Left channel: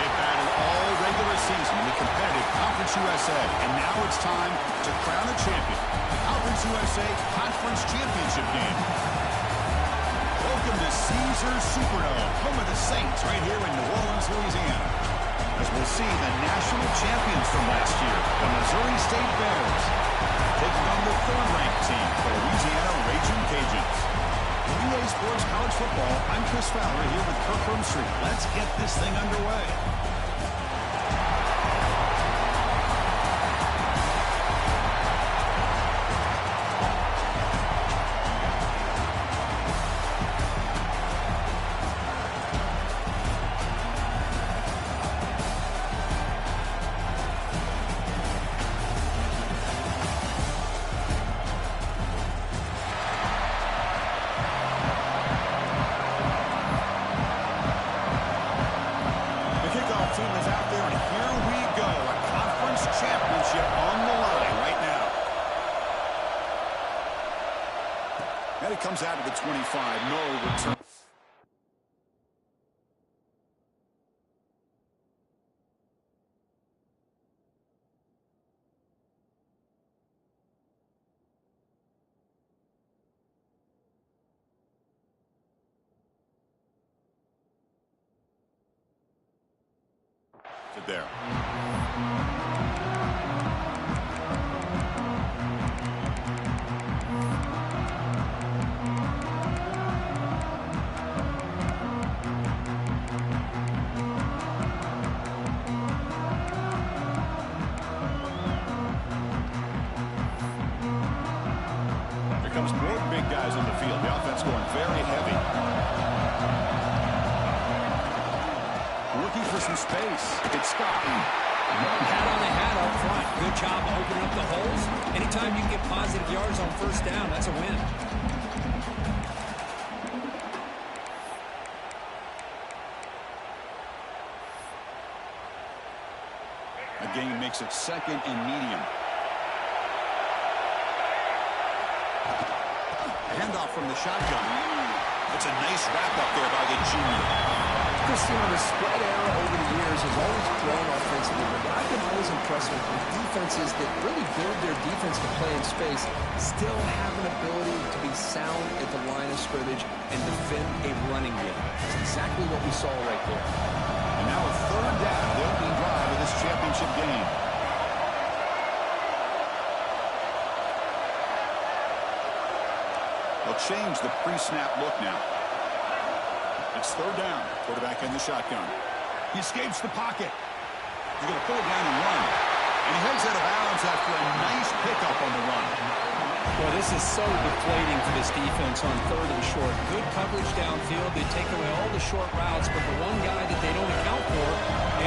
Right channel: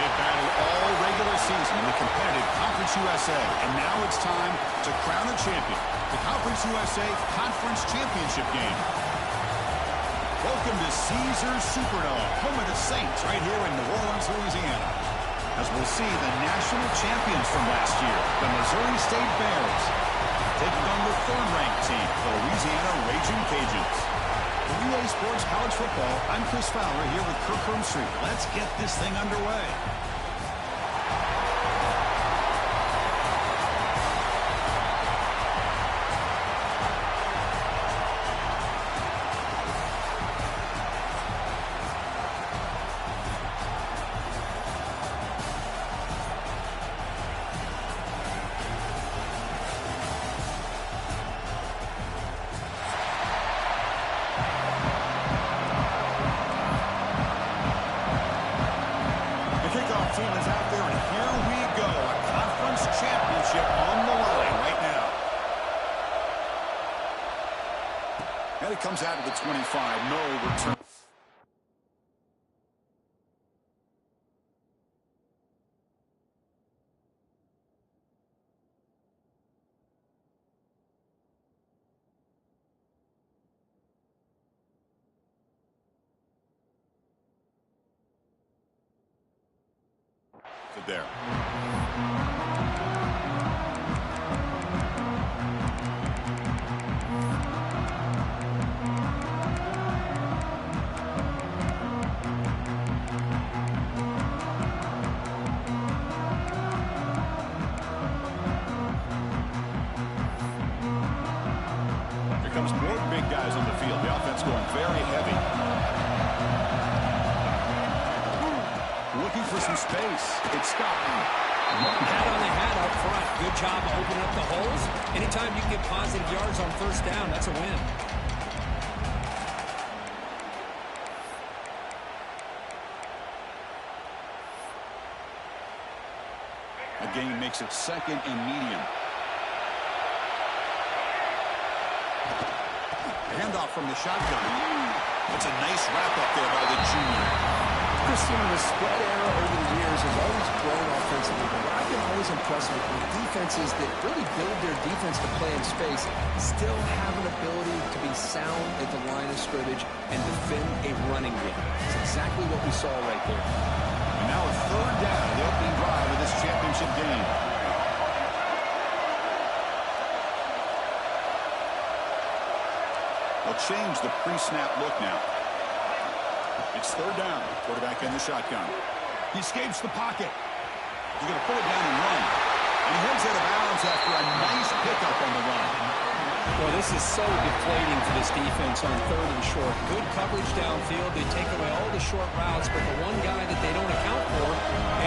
They've battled all regular season in the competitive Conference USA, and now it's time to crown a champion. The Conference USA Conference Championship game. Welcome to Caesars Superdome, home of the Saints, right here in New Orleans, Louisiana. As we'll see the national champions from last year, the Missouri State Bears, taking on the third-ranked team, the Louisiana Raging Cajuns. For UA Sports College Football, I'm Chris Fowler here with Kirk Street. Let's get this thing underway. Team is out there, and here we go. A conference championship on the line right now. And it comes out of the 25. No return. To there. Here comes more big guys on the field. The offense going very heavy. Looking for some space. It's Scott. Hat on the hat up front. Good job opening up the holes. Anytime you can get positive yards on first down, that's a win. A gain makes it second and medium. Handoff from the shotgun. That's a nice wrap up there by the junior. Christian, the spread era over the years has always grown offensively, but what I've been always impressed with defenses that really build their defense to play in space still have an ability to be sound at the line of scrimmage and defend a running game. That's exactly what we saw right there. And now a third down of the opening drive of this championship game. They'll change the pre-snap look now. It's third down. Quarterback in the shotgun. He escapes the pocket. He's going to pull it down and run. And he heads out of bounds after a nice pickup on the run. Well, this is so deflating for this defense on third and short. Good coverage downfield. They take away all the short routes, but the one guy that they don't account for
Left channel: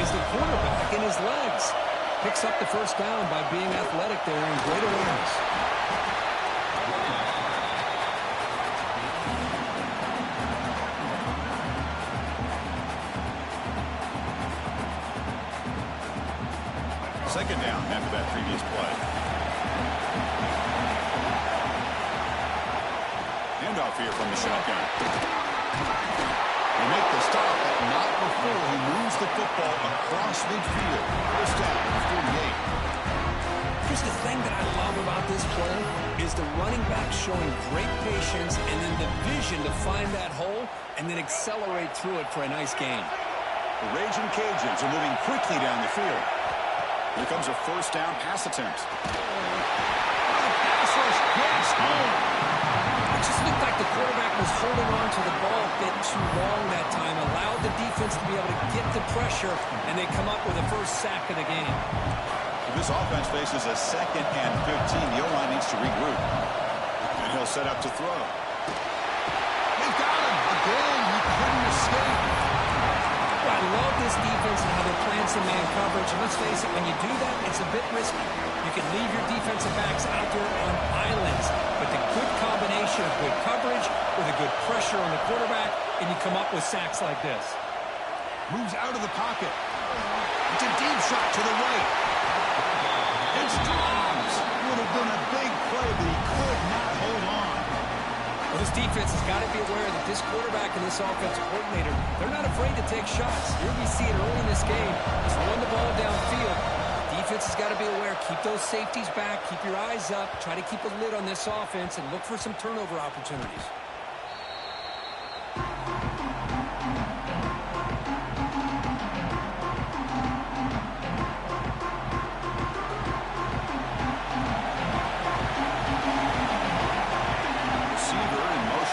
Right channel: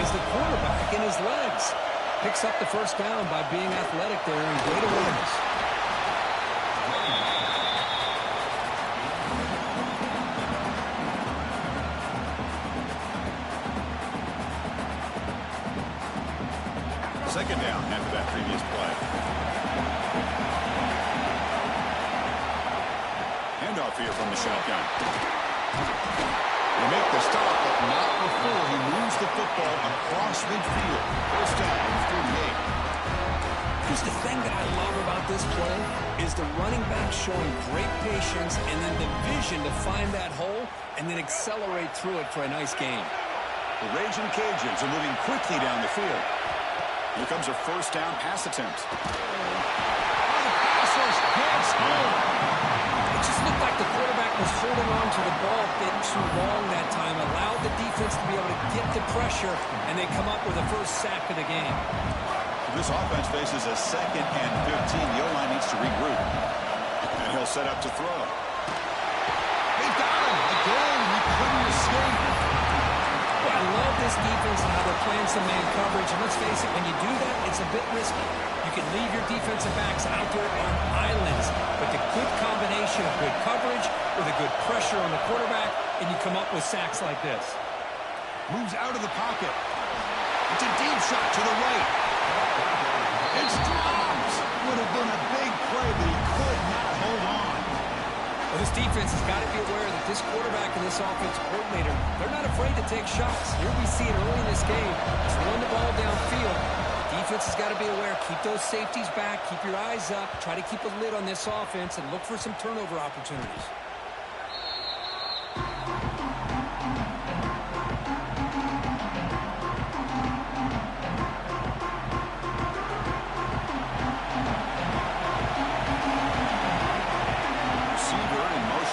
is the quarterback and his legs. Picks up the first down by being athletic there and great awareness. Second down after that previous play. Handoff here from the shotgun. They make the stop, but not before he moves the football across midfield. First down at 48. Just the thing that I love about this play is the running back showing great patience and then the vision to find that hole and then accelerate through it for a nice gain. The Raging Cajuns are moving quickly down the field. Here comes a first down pass attempt. Oh, the pass rush gets home. It just looked like the quarterback was holding on to the ball a bit too long that time, allowed the defense to be able to get the pressure, and they come up with the first sack of the game. This offense faces a second and 15. The O-line needs to regroup. And he'll set up to throw. They've got him. Again, he couldn't escape. Well, I love this defense and how they're playing some man coverage. And let's face it, when you do that, it's a bit risky. You can leave your defensive backs out there on islands. But the good combination of good coverage with a good pressure on the quarterback, and you come up with sacks like this. Moves out of the pocket. It's a deep shot to the right. It's dropped. Would have been a big play, but he could not hold on. Well, this defense has got to be aware that this quarterback and this offensive coordinator, they're not afraid to take shots. Here we see it early in this game. Just run the ball downfield. Defense has got to be aware. Keep those safeties back. Keep your eyes up. Try to keep a lid on this offense and look for some turnover opportunities.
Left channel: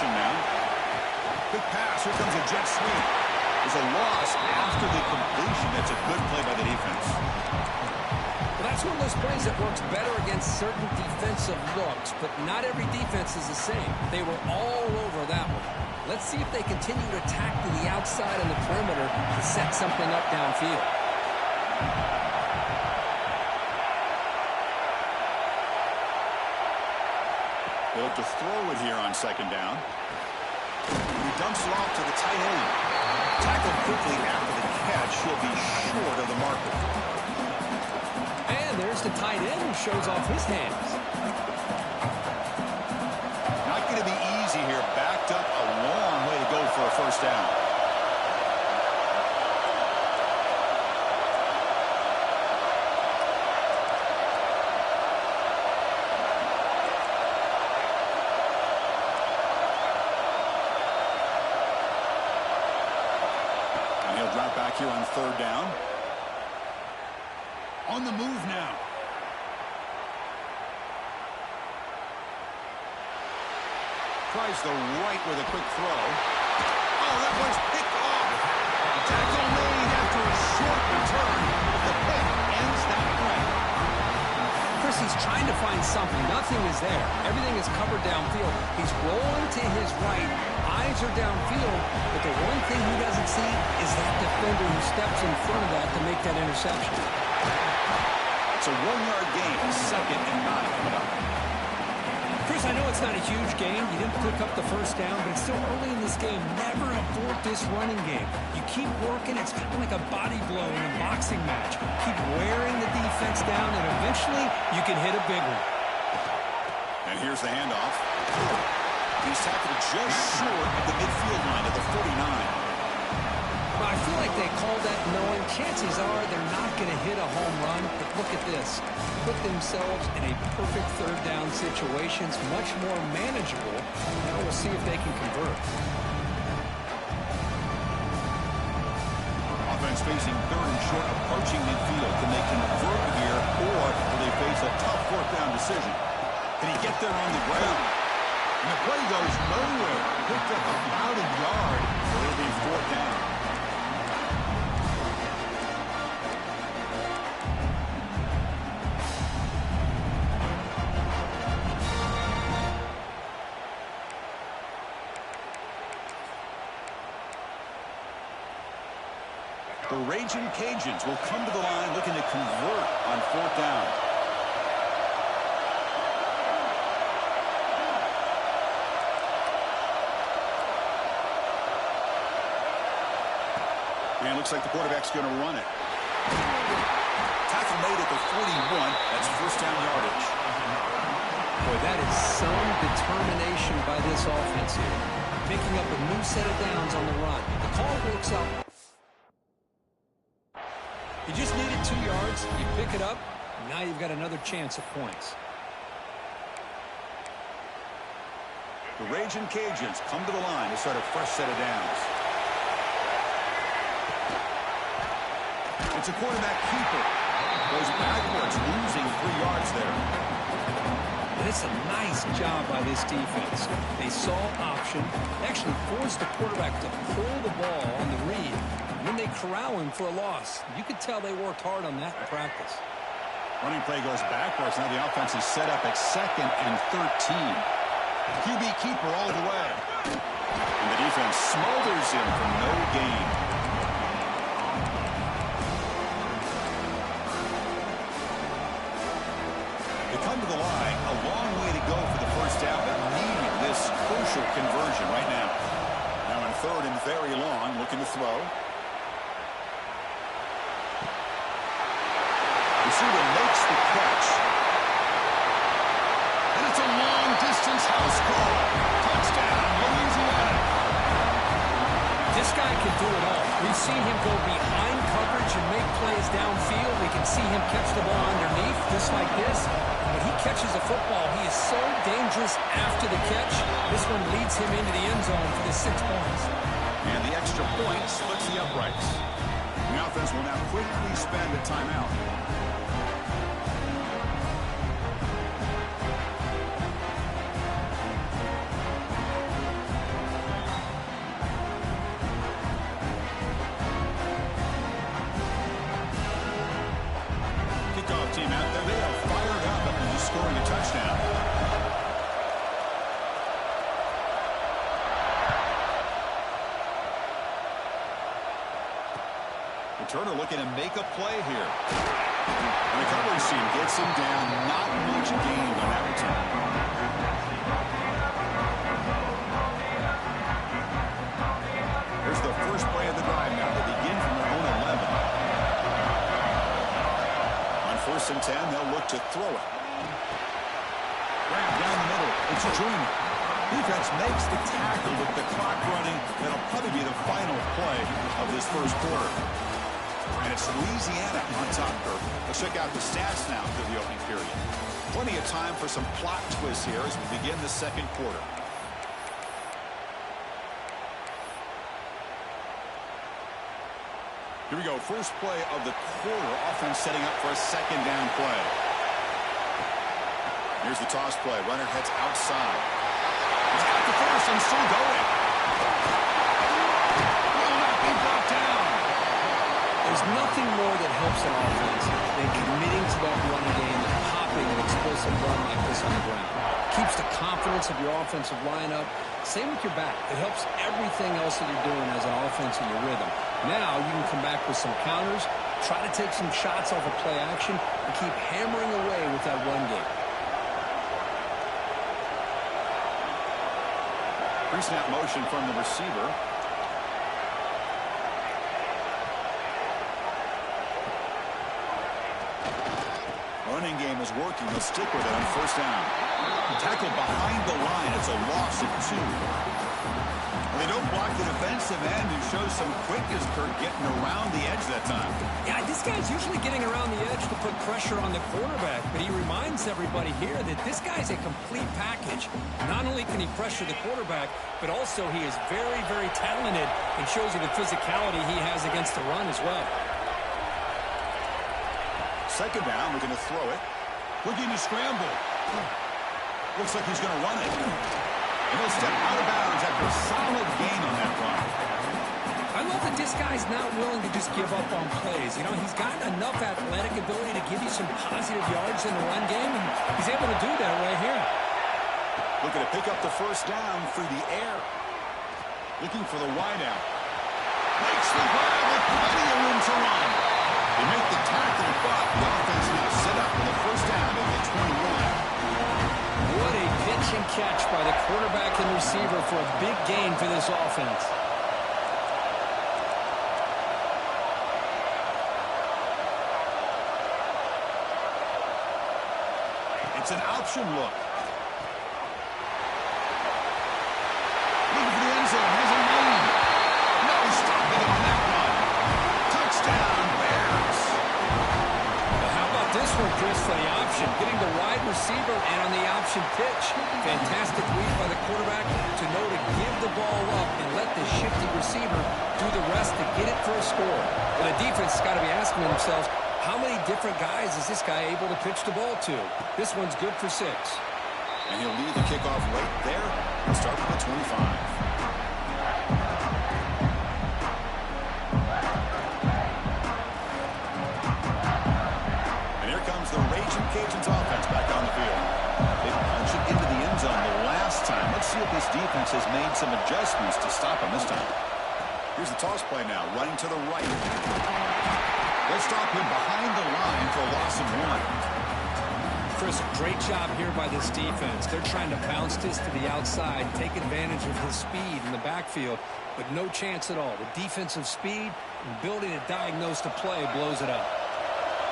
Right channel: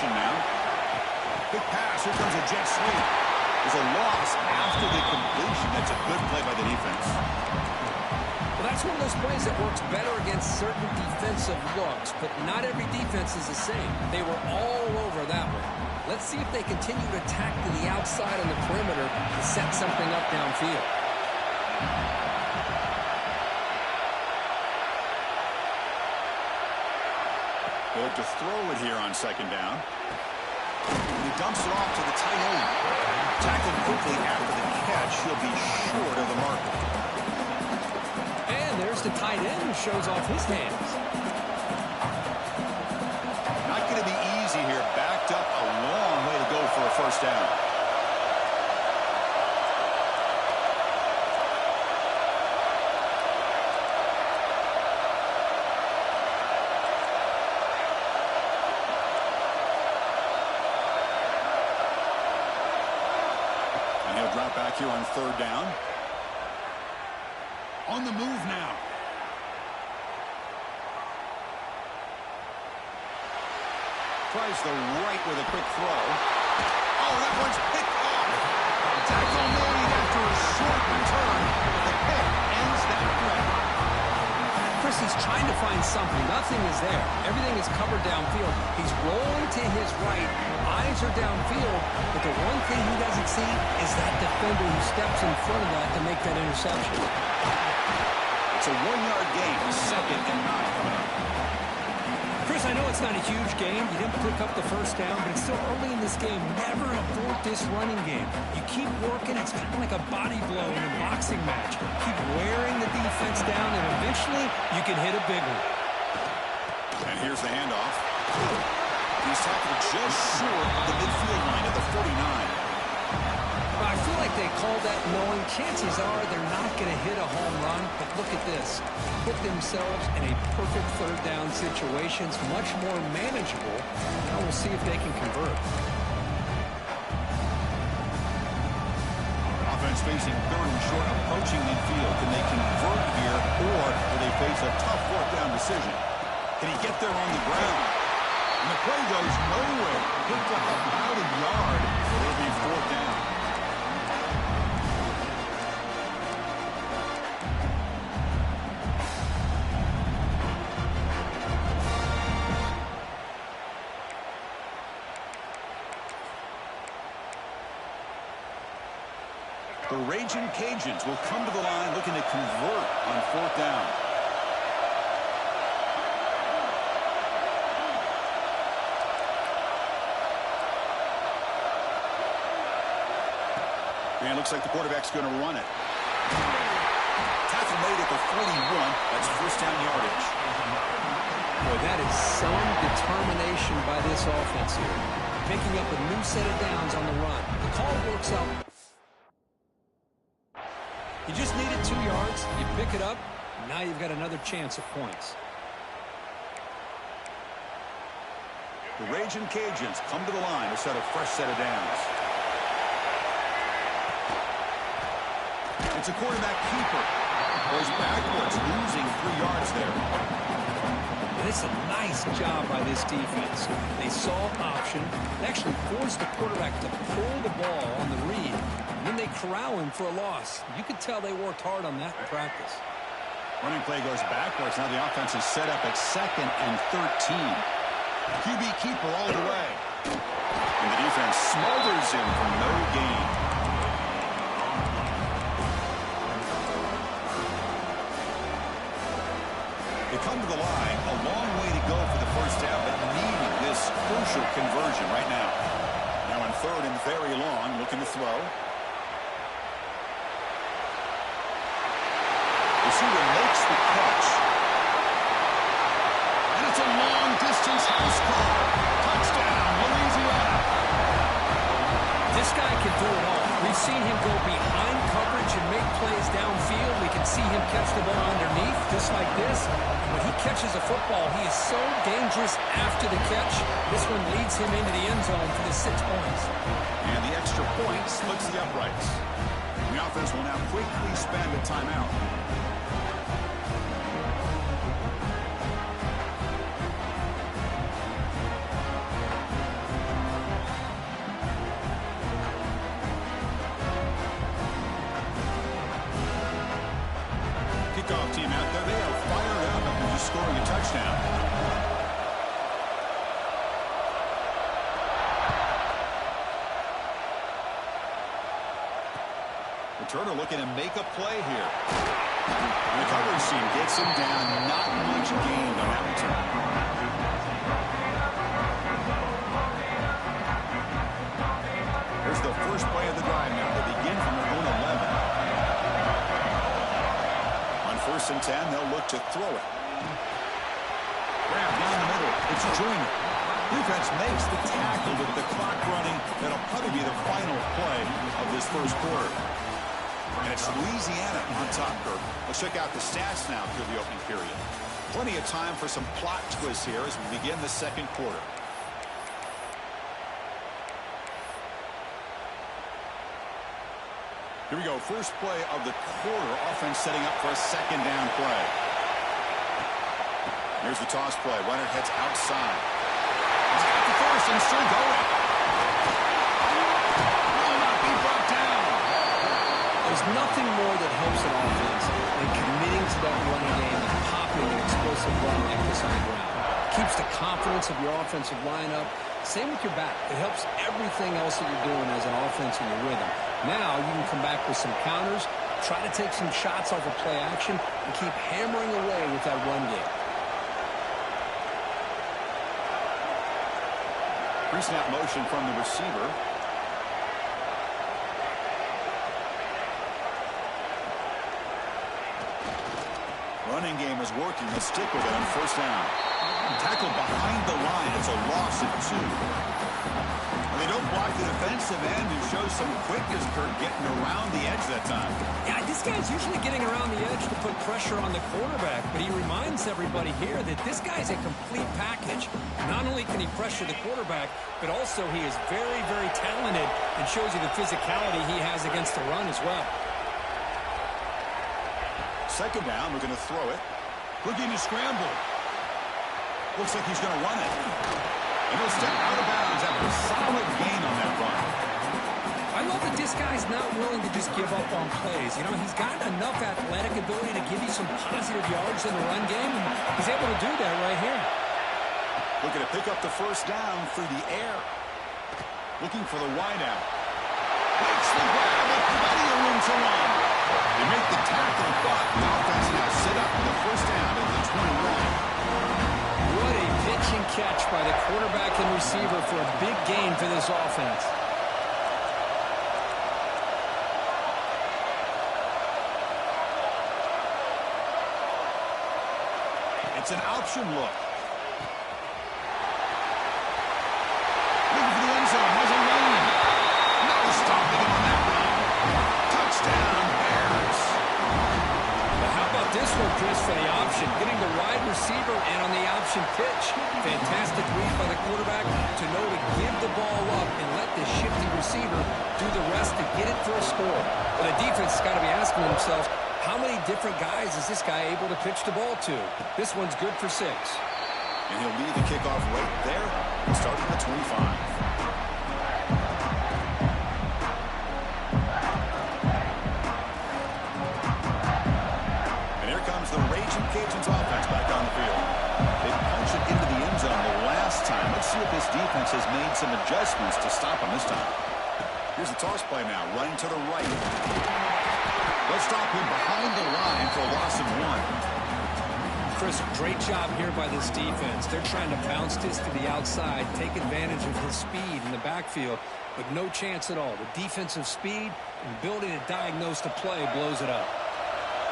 Now. Quick pass. Here comes a jet sweep. There's a loss after the completion. That's a good play by the defense. Well, that's one of those plays that works better against certain defensive looks, but not every defense is the same. They were all over that one. Let's see if they continue to attack to the outside on the perimeter to set something up downfield. They look to throw it here on second down. And he dumps it off to the tight end. Tackled quickly after the catch. He'll be short of the marker. And there's the tight end who shows off his hands. Not going to be easy here. Backed up a long way to go for a first down. Drop back here on third down. On the move now. Tries the right with a quick throw. Oh, that one's picked off. Tackle made after a short return. The pick ends that threat. Chris, he's trying to find something. Nothing is there. Everything is covered downfield. He's rolling to his right. Eyes are downfield, but the one thing he doesn't see is that defender who steps in front of that to make that interception. It's a 1-yard gain, 2nd and 9 coming up. Chris, I know it's not a huge game. You didn't pick up the first down, but it's still early in this game. Never abort this running game. You keep working. It's kind of like a body blow in a boxing match. Keep wearing the defense down, and eventually you can hit a big one. And here's the handoff. He's tackled just short of the midfield line at the 49. Well, I feel like they called that knowing chances are they're not going to hit a home run. But look at this. Put themselves in a perfect third down situation. It's much more manageable. Now we'll see if they can convert. Offense facing third and short, approaching midfield. Can they convert here, or will they face a tough fourth down decision? Can he get there on the ground? And the play goes nowhere. Picked up about a yard, so it'll be fourth down. The Raging Cajuns will come to the line looking to convert on fourth down. And it looks like the quarterback's going to run it. Tackle made at the 41. That's first down yardage. Boy, that is some determination by this offense here. Picking up a new set of downs on the run. The call works out. You just needed 2 yards. You pick it up. Now you've got another chance at points. The Raging Cajuns come to the line to set a fresh set of downs. It's a quarterback keeper. Goes backwards, losing 3 yards there. And it's a nice job by this defense. They saw option. They actually forced the quarterback to pull the ball on the read. And then they corral him for a loss. You could tell they worked hard on that in practice. Running play goes backwards. Now the offense is set up at 2nd and 13. QB keeper all the way. And the defense smothers him for no gain. They come to the line, a long way to go for the first down, but needing this crucial conversion right now. Now in 3rd and very long, looking to throw. Receiver makes the catch. And it's a long-distance house call. Touchdown, Louisiana. This guy can do it all. We've seen him go behind coverage and make plays downfield. We can see him catch the ball underneath, just like this. And when he catches a football, he is so dangerous after the catch. This one leads him into the end zone for the 6 points. And the extra point splits the uprights. The offense will now quickly spend a timeout. Kickoff team out there. They are fired up after just scoring a touchdown. Returner looking to make a play here. And the coverage team gets him down. Not much gained on that return. Here's the first play of the drive now. They begin from their own 11. On 1st and 10, they'll look to throw it. Grab down the middle. It's Joyner. Defense makes the tackle with the clock running. That'll probably be the final play of this first quarter. And it's Louisiana on top, Kirk. Let's check out the stats now through the opening period. Plenty of time for some plot twists here as we begin the second quarter. Here we go. First play of the quarter. Offense setting up for a second down play. Here's the toss play. Runner heads outside. He's got the first and still going. Will not be brought down. There's nothing more that helps an offense than committing to that running game and popping an explosive run like this on the ground. Keeps the confidence of your offensive lineup. Same with your back. It helps everything else that you're doing as an offense in your rhythm. Now you can come back with some counters, try to take some shots off of play action, and keep hammering away with that run game. Pre-snap motion from the receiver. Running game is working. They'll stick with it on 1st down. Tackle behind the line. It's a loss of 2. And they don't block the defensive end and show some quickness, Kirk, getting around the edge that time. Yeah, this guy's usually getting around the edge to put pressure on the quarterback, but he reminds everybody here that this guy's a complete package. Not only can he pressure the quarterback, but also he is very, very talented and shows you the physicality he has against the run as well. Second down, we're going to throw it. Looking to scramble. Looks like he's going to run it. And he'll step out of bounds after a solid gain on that run. I love that this guy's not willing to just give up on plays. You know, he's got enough athletic ability to give you some positive yards in the run game, and he's able to do that right here. Looking to pick up the first down through the air. Looking for the wideout. Makes the grab with plenty of room to run. They make the tackle, but the offense now set up for the first down at the 21. What a pitch and catch by the quarterback and receiver for a big gain for this offense. It's an option look. Looking for the end zone. Has a lane. No stopping him on that run. Touchdown, Bears. Well, how about this one, Chris, for the option? Getting the wide receiver and on the option pitch. Fantastic read by the quarterback to know to give the ball up and let the shifty receiver do the rest to get it for a score. Well, the defense has got to be asking themselves, how many different guys is this guy able to pitch the ball to? This one's good for 6. And he'll lead the kickoff right there and start at the 25. The Raging Cajuns offense back on the field. They punched it into the end zone the last time. Let's see if this defense has made some adjustments to stop them this time. Here's the toss play now, running to the right. They'll stop him behind the line for a loss of 1. Chris, great job here by this defense. They're trying to bounce this to the outside, take advantage of his speed in the backfield, but no chance at all. The defensive speed and ability to diagnose the play blows it up.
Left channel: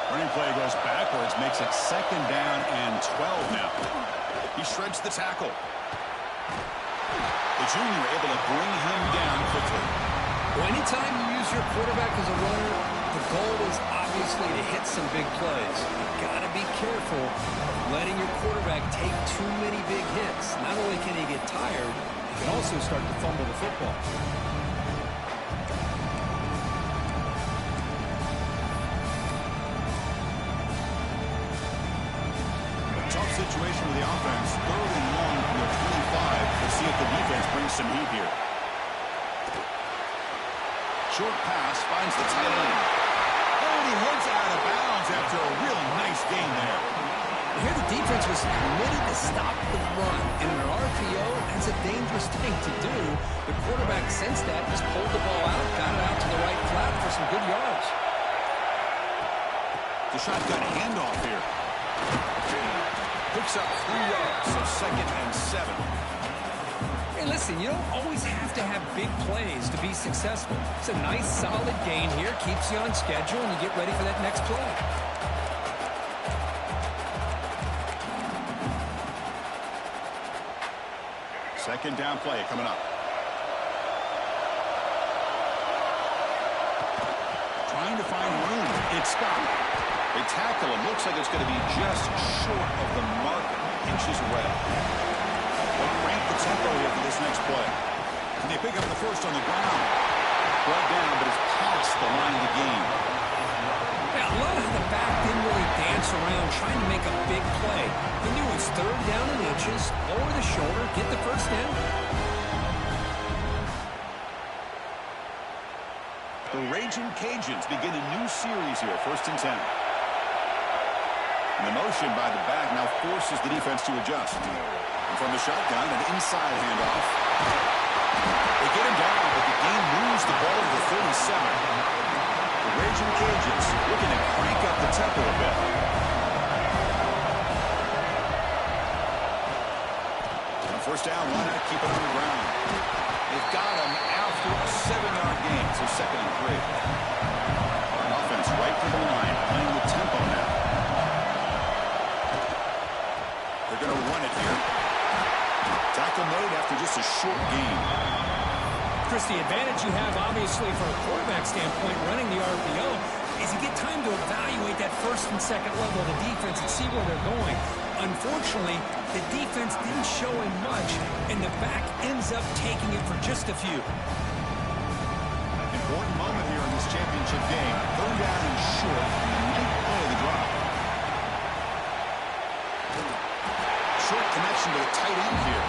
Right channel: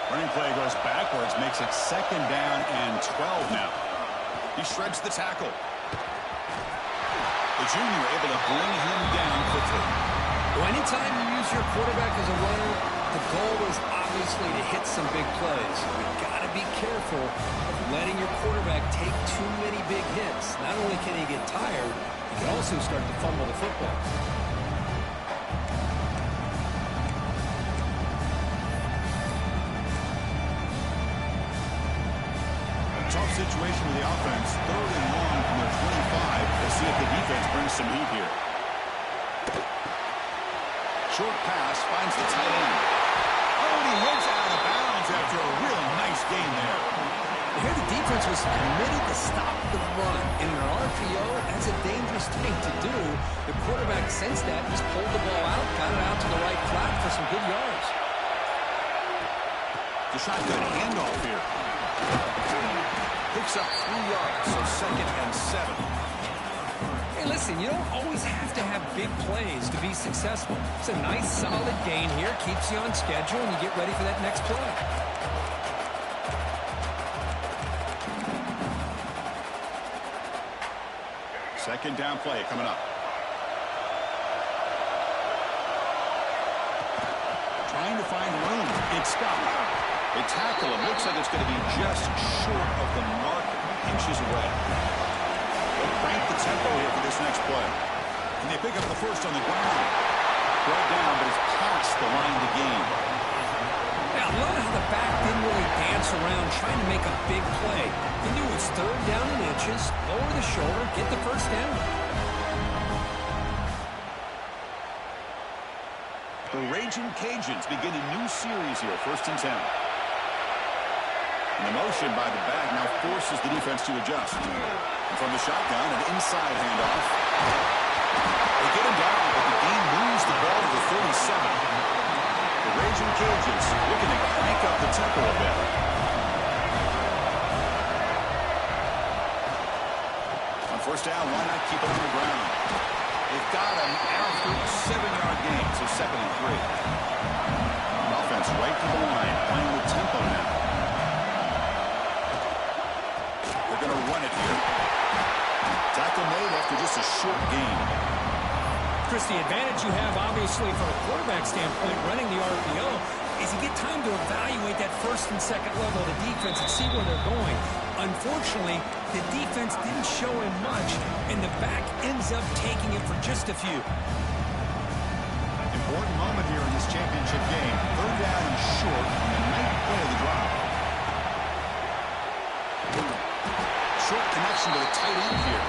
Running play goes backwards, makes it 2nd down and 12 now. He shreds the tackle. The junior able to bring him down quickly. Well, anytime you use your quarterback as a runner, the goal is obviously to hit some big plays. You've got to be careful of letting your quarterback take too many big hits. Not only can he get tired, he can also start to fumble the football. Tough situation with the offense. 3rd and long from their 25. Let's see if the defense brings some heat here. Short pass finds the tight end. Oh, and he heads out of bounds after a really nice game there. Here the defense was committed to stop the run. In an RPO, that's a dangerous thing to do. The quarterback sensed that, just pulled the ball out, got it out to the right flat for some good yards. The shotgun handoff here. Picks up 3 yards, so 2nd and 7. Hey, listen, you don't always have to have big plays to be successful. It's a nice, solid gain here, keeps you on schedule, and you get ready for that next play. Second down play coming up. Trying to find room. It's stopped. They tackle him. Looks like it's going to be just short of the marker. Inches away. They'll crank the tempo here for this next play. And they pick up the first on the ground. Brought down, but it's past the line to gain. Yeah, I love how the back didn't really dance around trying to make a big play. He knew it was 3rd down in inches. Lower the shoulder, get the first down. The Raging Cajuns begin a new series here. 1st and 10. And the motion by the back now forces the defense to adjust. And from the shotgun, an inside handoff. They get him down, but the gain moves the ball to the 37. The Raging Cajuns looking to crank up the tempo a bit. On 1st down, why not keep it on the ground? They've got him after a 7-yard gain, so 2nd and 3. Offense right to the line, playing with tempo now. They're going to run it here. Tackle made after just a short gain. Chris, the advantage you have, obviously, from a quarterback standpoint, running the RPO, is you get time to evaluate that 1st and 2nd level of the defense and see where they're going. Unfortunately, the defense didn't show him much, and the back ends up taking it for just a few. Important moment here in this championship game. 3rd down and short on the 9th play of the drive. Short connection to the tight end here.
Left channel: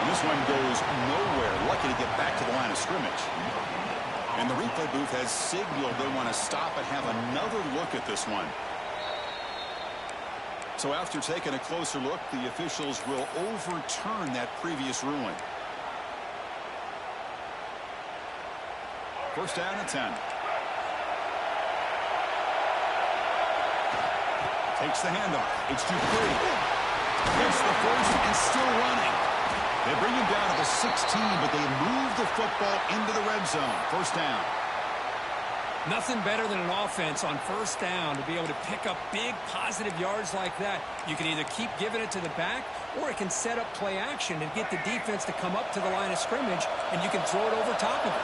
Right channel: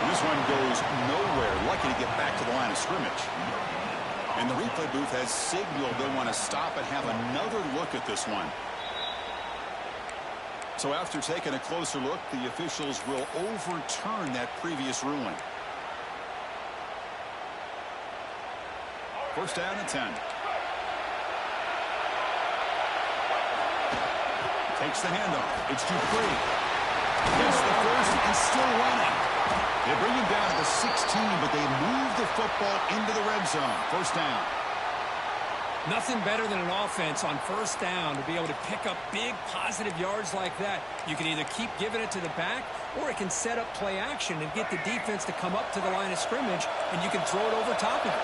And this one goes nowhere. Lucky to get back to the line of scrimmage. And the replay booth has signaled they want to stop and have another look at this one. So after taking a closer look, the officials will overturn that previous ruling. 1st down and 10. Takes the handoff. It's Dupree. Gets the first and still running. They bring him down to the 16, but they move the football into the red zone. 1st down. Nothing better than an offense on 1st down to be able to pick up big positive yards like that. You can either keep giving it to the back, or it can set up play action and get the defense to come up to the line of scrimmage, and you can throw it over top of it.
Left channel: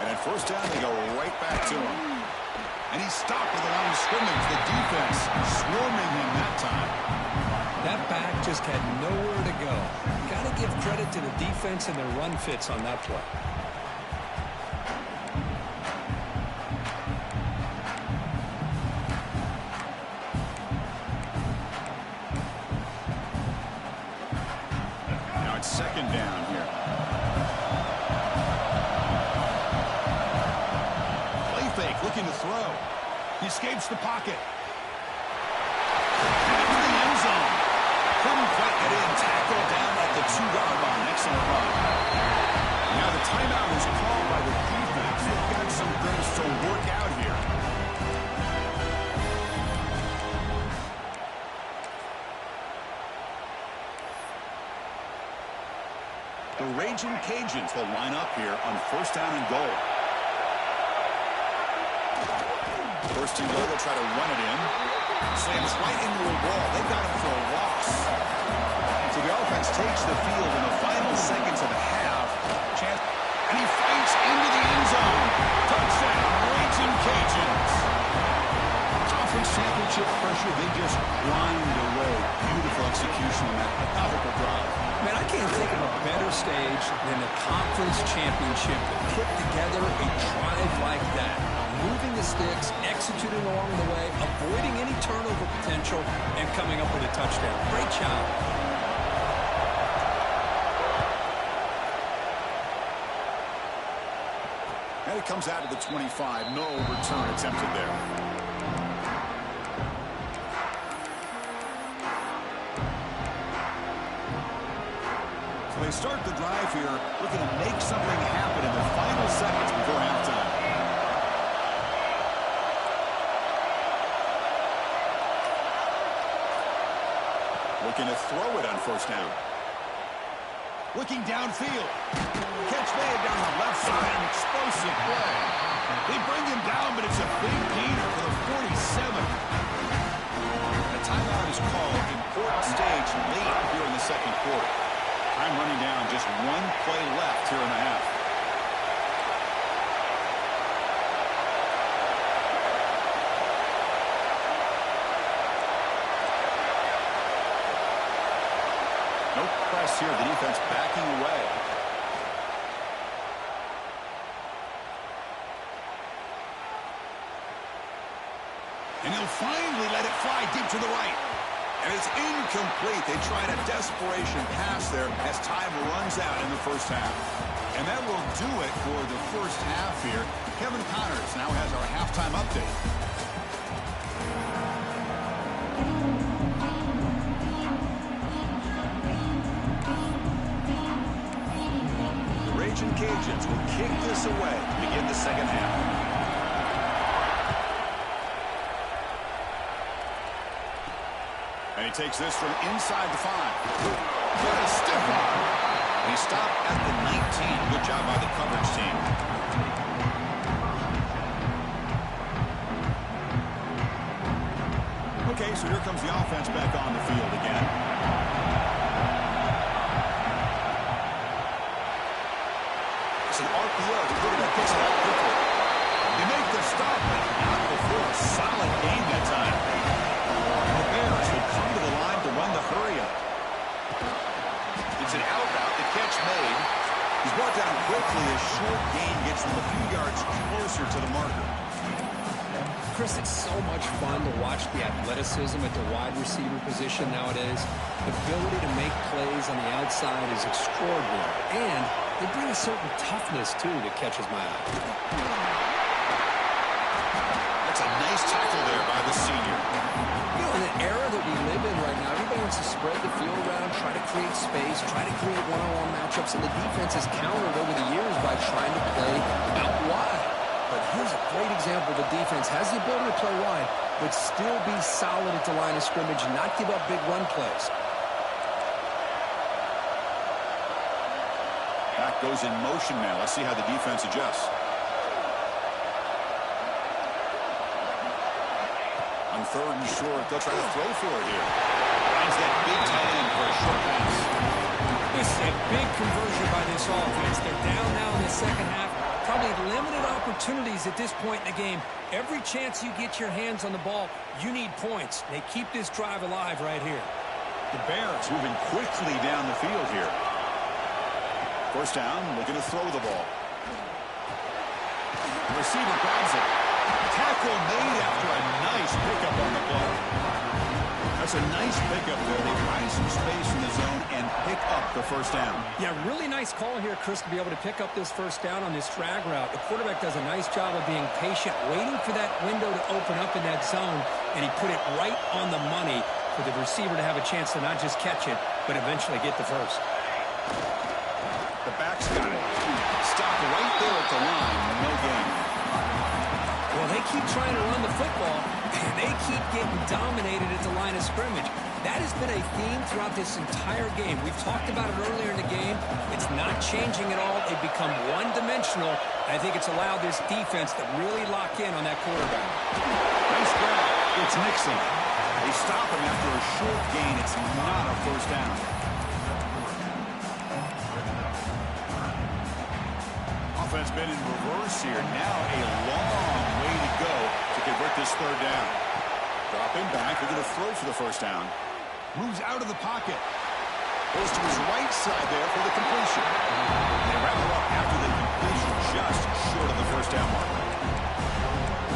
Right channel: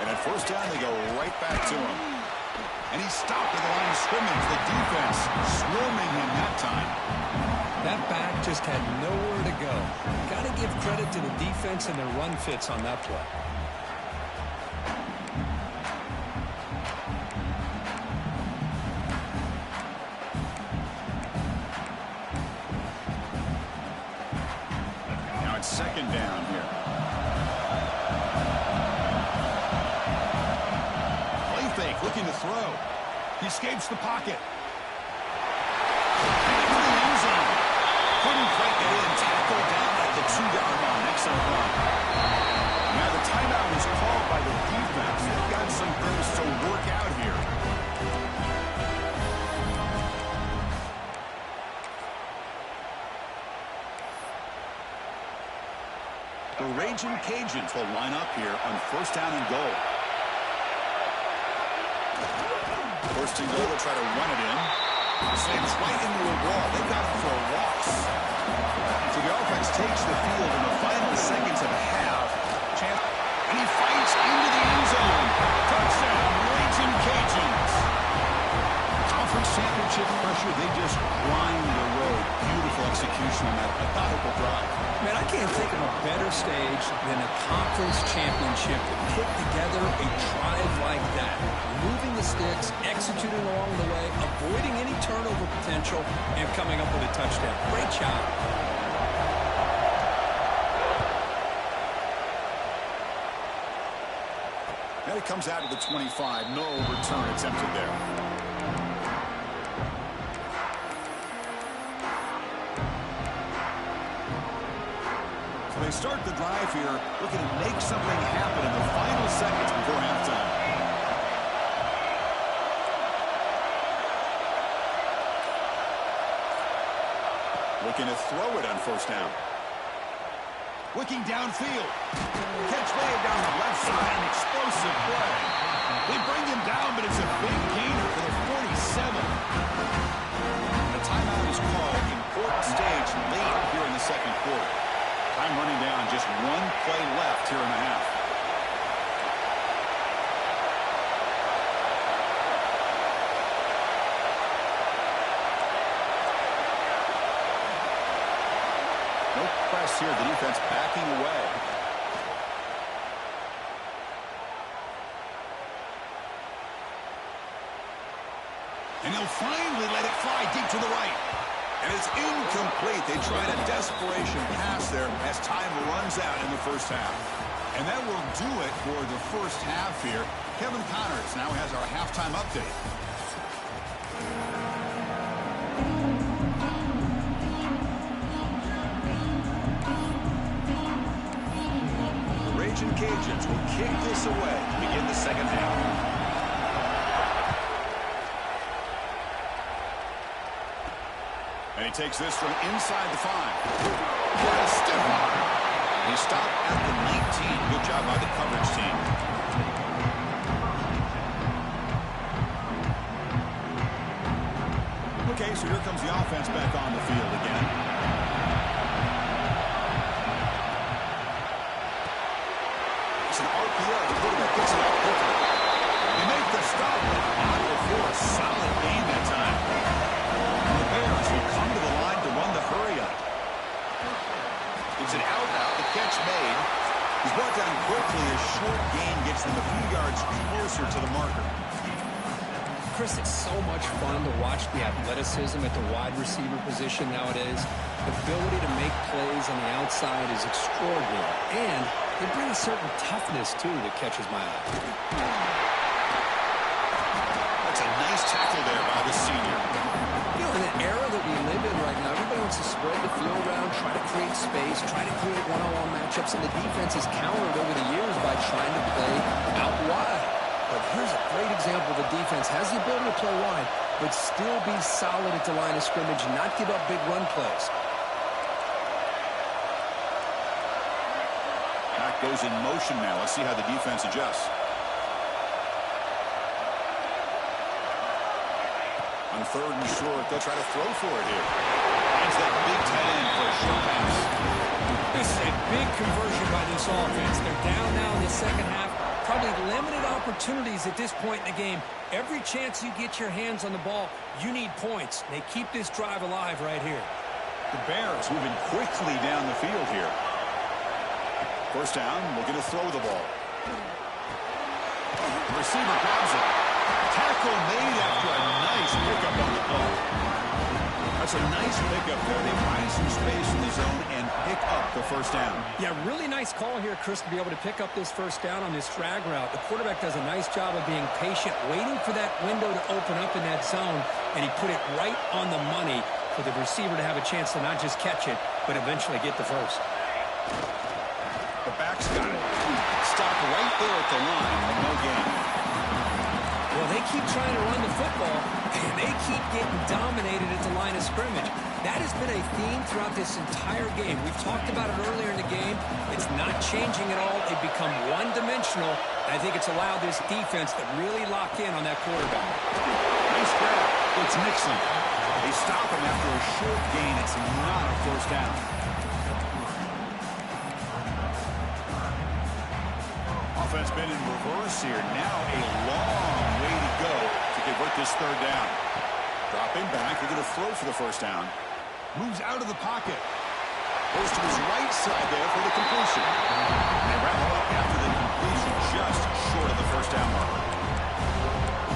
And at 1st down, they go right back to him. And he's stopped at the line of scrimmage. The defense swarming him that time. That back just had nowhere to go. Got to give credit to the defense and their run fits on that play. Now it's 2nd down here. Fake, looking to throw. He escapes the pocket. And into the end zone. Couldn't quite get in. Tackled down at the 2-yard line. Excellent run. Now the timeout is called by the defense. They've got some things to work out here. The Raging Cajuns will line up here on 1st down and goal. 1st and goal, they'll try to run it in. Slams right into a wall. They've got him for a loss. So the offense takes the field in the final seconds of the half. And he fights into the end zone. Touchdown, Raging Cajuns. Conference championship pressure, they just grind away. Beautiful execution on that methodical drive. Man, I can't think of a better stage than a conference championship to put together a drive like that. Moving the sticks, executing along the way, avoiding any turnover potential, and coming up with a touchdown. Great job. And it comes out to the 25. No return attempted there. So they start the drive here, looking to make something happen in the final seconds before halftime. Looking to throw it on first down. Looking downfield. Catch made down the left side. An explosive play. They bring him down, but it's a big gainer for the 47. A timeout is called. Important stage late here in the second quarter. Time running down. Just one play left here in the half. No press here. The defense backing away. And he'll finally let it fly deep to the right. And it's incomplete. They tried a desperation pass there as time runs out in the first half. And that will do it for the first half here. Kevin Connors now has our halftime update. The Cajuns will kick this away to begin the second half. And he takes this from inside the 5. What a stiff arm. He stopped at the 19. Good job by the coverage team. Okay, so here comes the offense back on the field again. An RPO. The quarterback gets it out quickly. They make the stop, but not before a solid gain that time. And the Bears will come to the line to run the hurry up. It's an out route. The catch made. He's brought down quickly. A short gain gets them a few yards closer to the marker. Chris, it's so much fun to watch the athleticism at the wide receiver position nowadays. The ability to make plays on the outside is extraordinary. And they bring a certain toughness, too, that catches my eye. That's a nice tackle there by the senior. You know, in an era that we live in right now, everybody wants to spread the field around, try to create space, try to create one-on-one matchups, and the defense has countered over the years by trying to play out wide. But here's a great example. The defense has the ability to play wide, but still be solid at the line of scrimmage, not give up big run plays. Back goes in motion now. Let's see how the defense adjusts. On third and short, they'll try to throw for it here. Finds that big tight end for a short pass. This is a big conversion by this offense. They're down now in the second half. Probably limited opportunities at this point in the game. Every chance you get your hands on the ball, you need points. They keep this drive alive right here. The Bears moving quickly down the field here. First down, looking to throw the ball. The receiver grabs it. Tackle made after a nice pickup on the play. That's a nice pickup there. They find some space in the zone and pick up the first down. Yeah, really nice call here, Chris, to be able to pick up this first down on this drag route. The quarterback does a nice job of being patient, waiting for that window to open up in that zone, and he put it right on the money for the receiver to have a chance to not just catch it, but eventually get the first. The back's got it. Stop right there at the line. No gain. Well, they keep trying to run the football, and they keep getting dominated at the line of scrimmage. That has been a theme throughout this entire game. We've talked about it earlier in the game. It's not changing at all. They've become one-dimensional. I think it's allowed this defense to really lock in on that quarterback. Nice grab. It's Nixon. They stop him after a short gain. It's not a first down. Offense been in reverse here. Now a long way to go to convert this third down. Dropping back. They're going to throw for the first down. Moves out of the pocket. Goes to his right side there for the completion. They wrap him up after the completion, just short of the first down marker.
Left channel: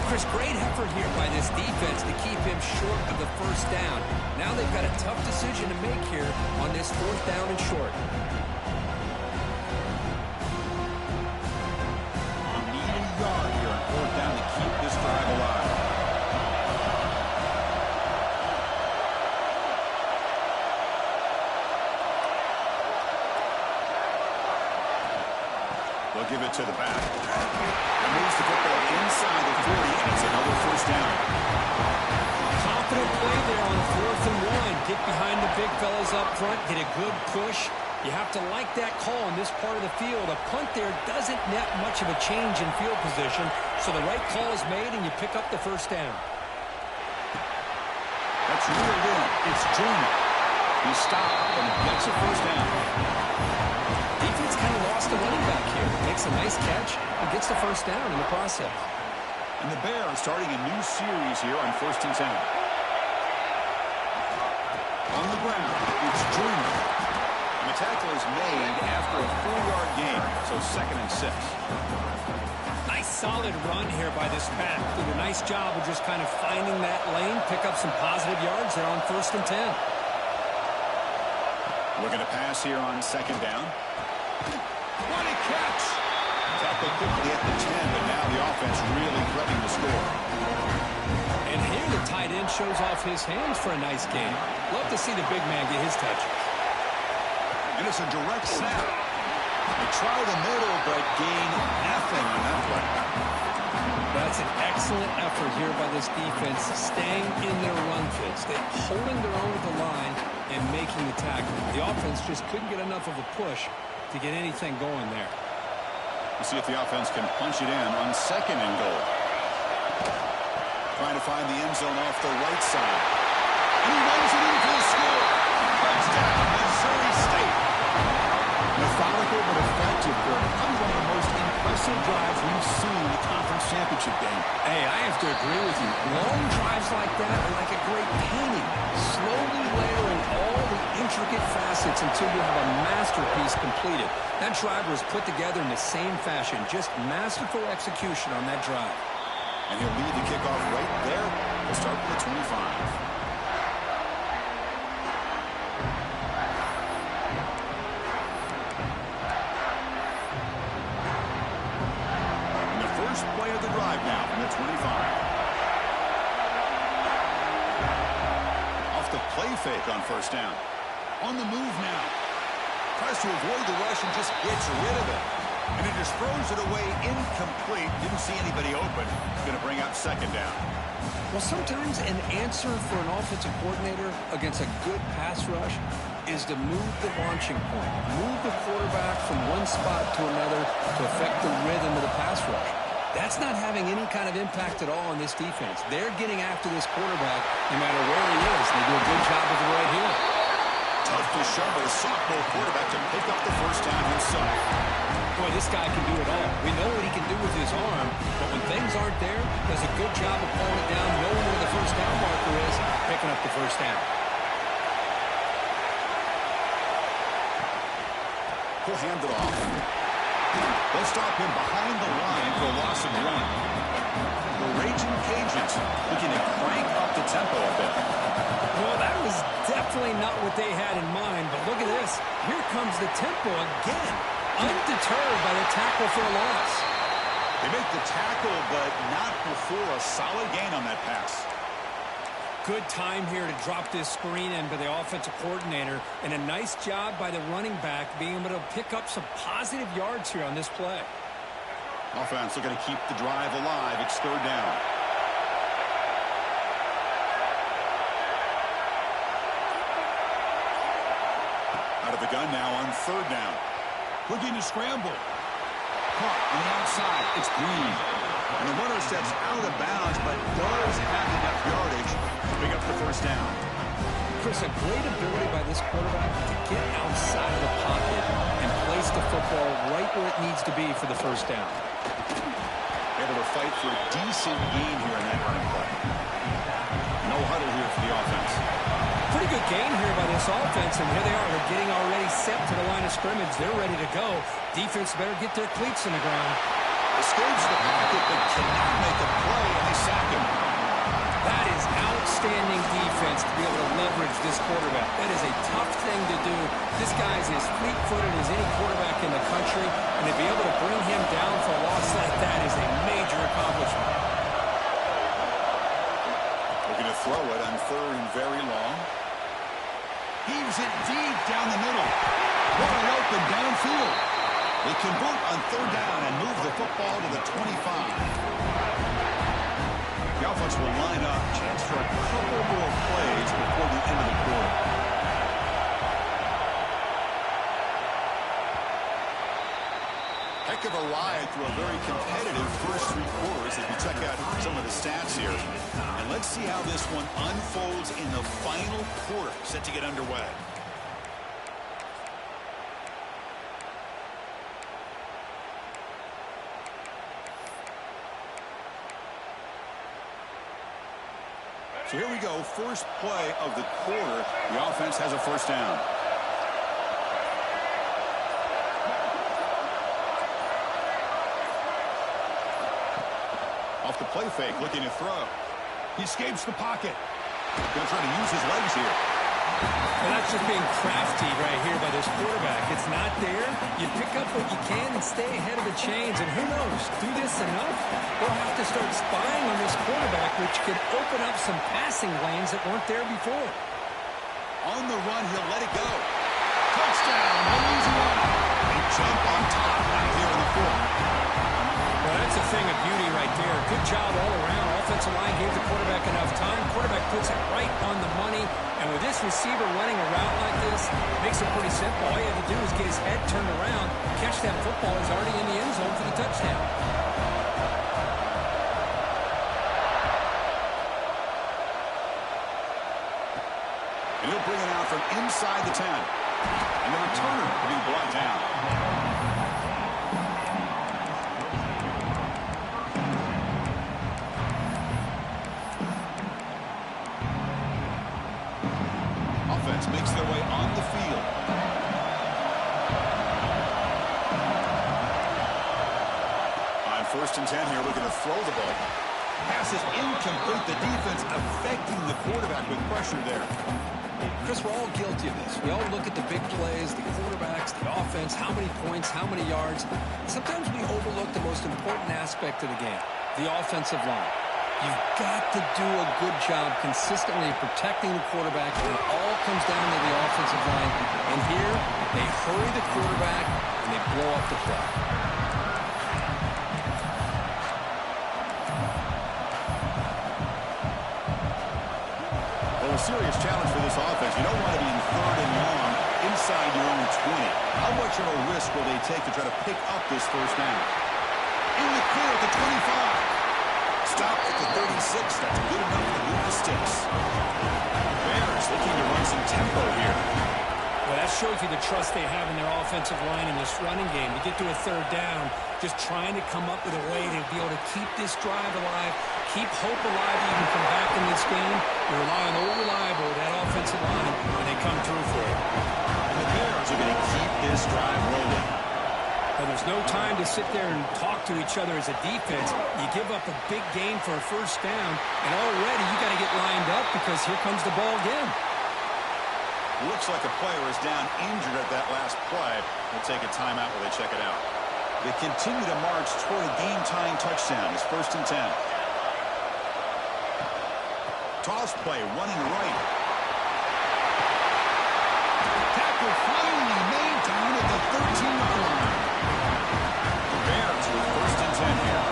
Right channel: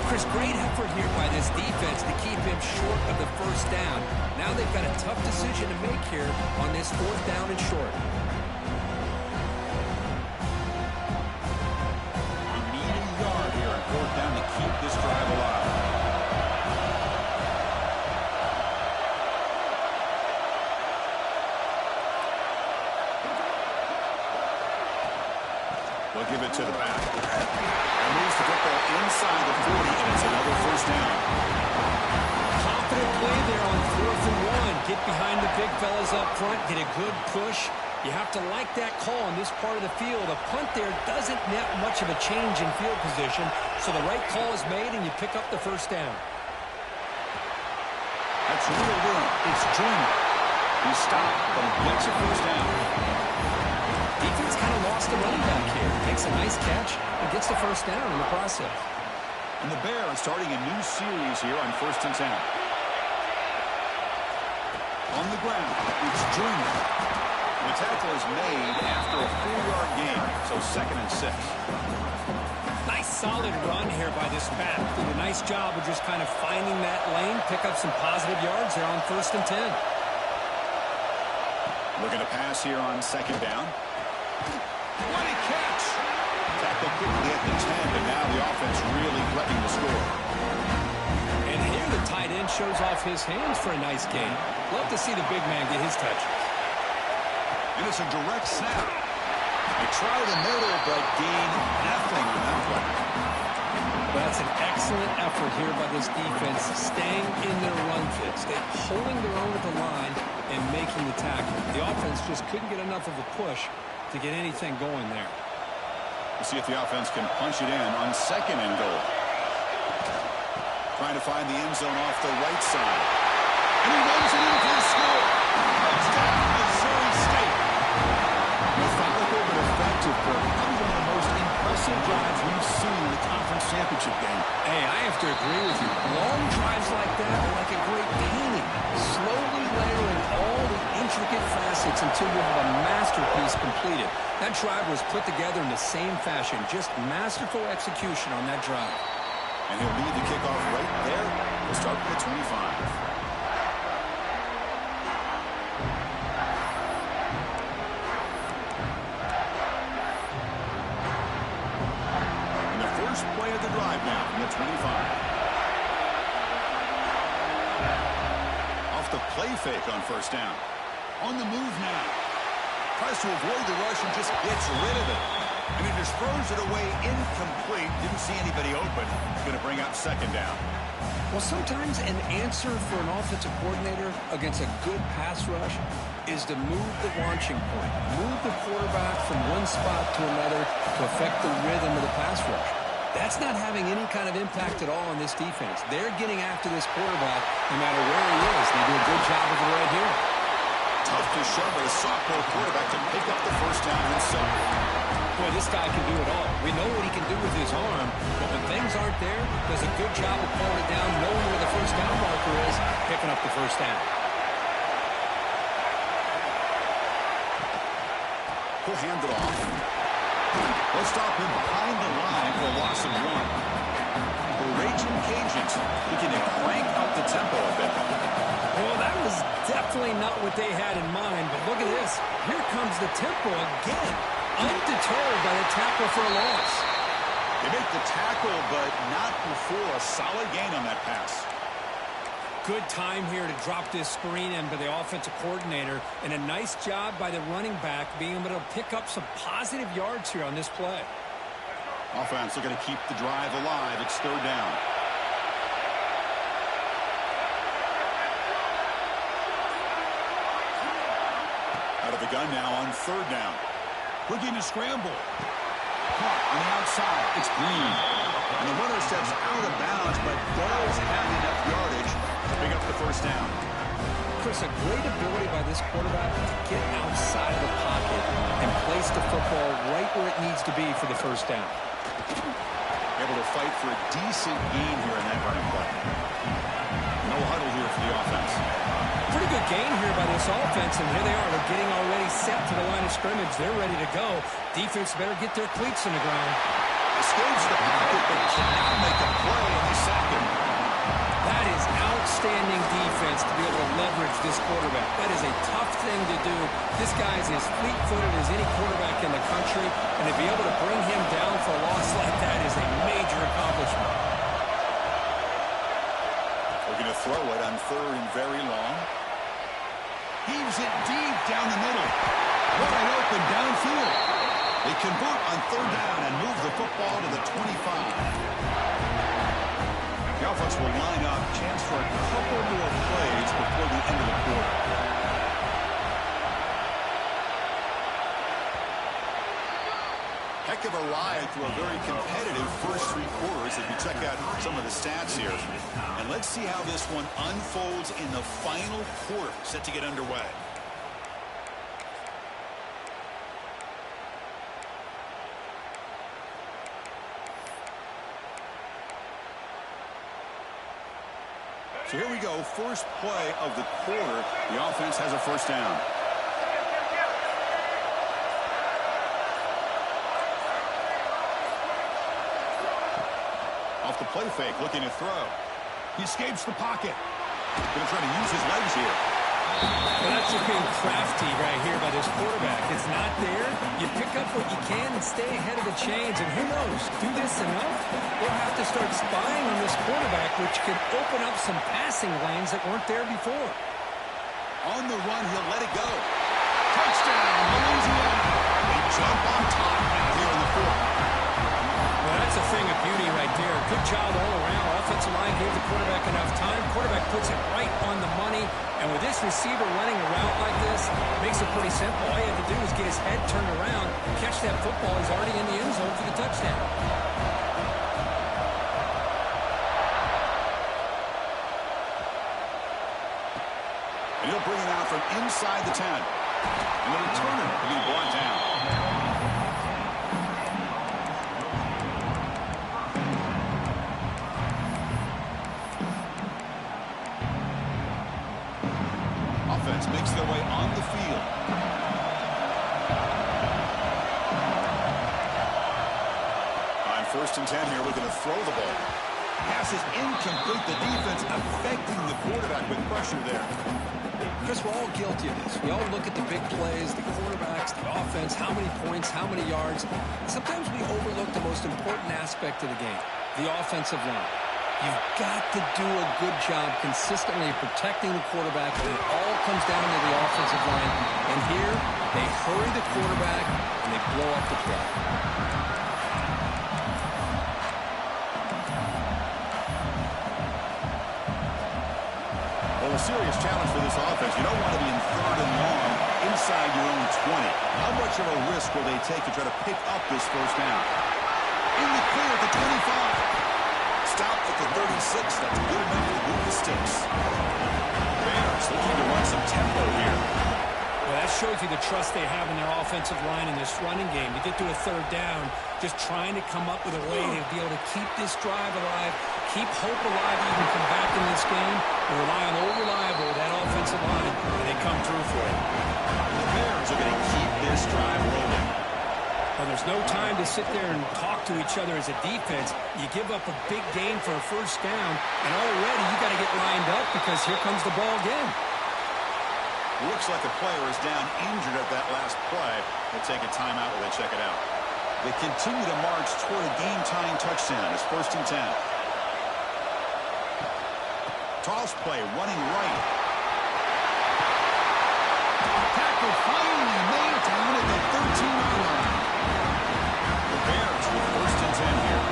Chris, great effort here by this defense to keep him short of the first down. Now they've got a tough decision to make here on this fourth down and short. You need a yard here on fourth down to keep this drive alive. They'll give it to the back. And moves the football inside the 40, and it's another first down. Confident play there on 4th and 1. Get behind the big fellas up front. Get a good push. You have to like that call in this part of the field. A punt there doesn't net much of a change in field position, so the right call is made, and you pick up the first down. That's reeled in. It's Joyner. He stopped, but he gets a first down. Defense kind of lost the running back here. Makes a nice catch and gets the first down in the process. And the Bears starting a new series here on 1st and 10. On the ground, it's Joyner. And the tackle is made after a 4-yard gain, so 2nd and 6. Nice solid run here by this back. Did a nice job of just kind of finding that lane, pick up some positive yards there on 1st and 10. Looking to pass here on 2nd down. What a catch! Tackle quickly at the 10, but now the offense really threatening to score. And here the tight end shows off his hands for a nice gain. Love to see the big man get his touches. And it's a direct snap. They try the middle, but gain nothing on that play. That's an excellent effort here by this defense, staying in their run fits. They're holding their own at the line and making the tackle. The offense just couldn't get enough of a push to get anything going there. We'll see if the offense can punch it in on 2nd and goal. Trying to find the end zone off the right side. And he runs it in for the score. Touchdown, Missouri State. Methodical but effective, Kirk. Probably one of the most impressive drives we've seen in the conference championship game. Hey, I have to agree with you. Long drives like that are like a great painting. Slowly layering all the intricate facets until you have a masterpiece completed. That drive was put together in the same fashion. Just masterful execution on that drive. And he'll lead the kickoff right there. We'll start with the 25. Play of the drive now from the 25. Off the play fake on 1st down. On the move now. Tries to avoid the rush and just gets rid of it. And he just throws it away incomplete. Didn't see anybody open. Going to bring up 2nd down. Well, sometimes an answer for an offensive coordinator against a good pass rush is to move the launching point. Move the quarterback from one spot to another to affect the rhythm of the pass rush. That's not having any kind of impact at all on this defense. They're getting after this quarterback no matter where he is. They do a good job of it right here. Tough to shove with a sophomore quarterback to pick up the first down himself. Boy, this guy can do it all. We know what he can do with his arm, but when things aren't there, does a good job of pulling it down, knowing where the first down marker is, picking up the first down. He'll hand it off. They'll stop him behind the line for a loss of 1. The Raging Cajuns looking to crank up the tempo a bit. Well, that was definitely not what they had in mind, but look at this. Here comes the tempo again, undeterred by the tackle for a loss. They make the tackle, but not before a solid gain on that pass. Good time here to drop this screen in by the offensive coordinator, and a nice job by the running back being able to pick up some positive yards here on this play. Offense looking to keep the drive alive. It's 3rd down. Out of the gun now on 3rd down. Looking to scramble. Caught on the outside. It's Green. And the runner steps out of bounds, but does have enough yardage to pick up the first down. Chris, a great ability by this quarterback to get outside of the pocket and place the football right where it needs to be for the first down. Able to fight for a decent gain here in that running play. No huddle here for the offense. Pretty good gain here by this offense, and here they are. They're getting already set to the line of scrimmage. They're ready to go. Defense better get their cleats in the ground. Escapes the pocket, but cannot make a play, and they sack him. That is outstanding defense to be able to leverage this quarterback. That is a tough thing to do. This guy is as fleet-footed as any quarterback in the country, and to be able to bring him down for a loss like that is a major accomplishment. Looking to throw it on third and very long. Heaves it deep down the middle. Wide open downfield. They convert on third down and move the football to the 25. The offense will line up. Chance for a couple more plays before the end of the quarter. Heck of a ride through a very competitive first three quarters as we check out some of the stats here. And let's see how this one unfolds in the final quarter set to get underway. So here we go, first play of the quarter. The offense has a first down. Off the play fake, looking to throw. He escapes the pocket. Going to try to use his legs here. Well, that's just being crafty right here by this quarterback. It's not there. You pick up what you can and stay ahead of the chains. And who knows, do this enough, they'll have to start spying on this quarterback, which could open up some passing lanes that weren't there before. On the run, he'll let it go. Touchdown, Louisiana. They jump on top now here in the fourth. Well, that's a thing of beauty right there. Good job all around. Offensive line gave the quarterback enough time. Quarterback puts it right on the money. And with this receiver running a route like this, makes it pretty simple. All you have to do is get his head turned around, catch that football. He's already in the end zone for the touchdown. And he'll bring it out from inside the 10. And the returner will be brought down. Offense makes their way on the field. On first and 10 here, looking to throw the ball. Pass is incomplete. The defense affecting the quarterback with pressure there. Chris, we're all guilty of this. We all look at the big plays, the quarterbacks, the offense, how many points, how many yards. Sometimes we overlook the most important aspect of the game, the offensive line. You've got to do a good job consistently protecting the quarterback, and it all comes down to the offensive line. And here, they hurry the quarterback, and they blow up the play. Well, a serious challenge for this offense. You don't want to be in third and long inside your own 20. How much of a risk will they take to try to pick up this first down? In the clear at the 25. Stop at the 36. That's good enough to move the sticks. Bears looking to run some tempo here. Well, that shows you the trust they have in their offensive line in this running game. To get to a third down, just trying to come up with a way to be able to keep this drive alive, keep hope alive, even come back in this game. You rely on old reliable, that offensive line, and they come through for you. And the Bears are going to keep this drive rolling. Well, there's no time to sit there and talk to each other as a defense. You give up a big gain for a first down, and already you got to get lined up because here comes the ball again. Looks like a player is down injured at that last play. They'll take a timeout while they check it out. They continue to march toward a game-tying touchdown. It's first and 10. Toss play, running right. Tackle finally made down at the 13-yard line. The Bears with first and 10 here.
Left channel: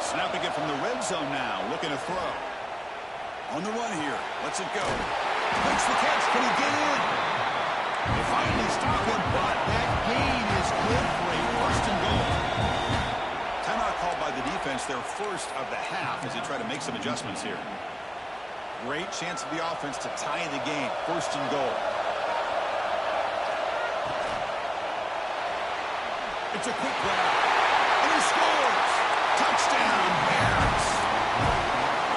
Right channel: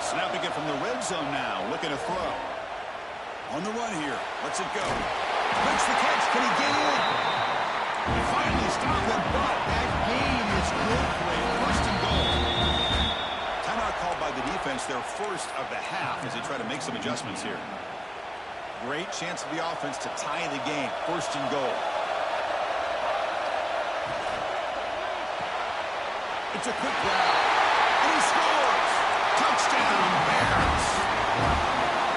Snapping it from the red zone now, looking to throw. On the run here, lets it go. Makes the catch. Can he get in? They finally stop him, but that gain is good for a first and goal. Timeout called by the defense, their first of the half, as they try to make some adjustments here. Great chance of the offense to tie the game. First and goal. It's a quick grab. And he scores! Touchdown, Bears!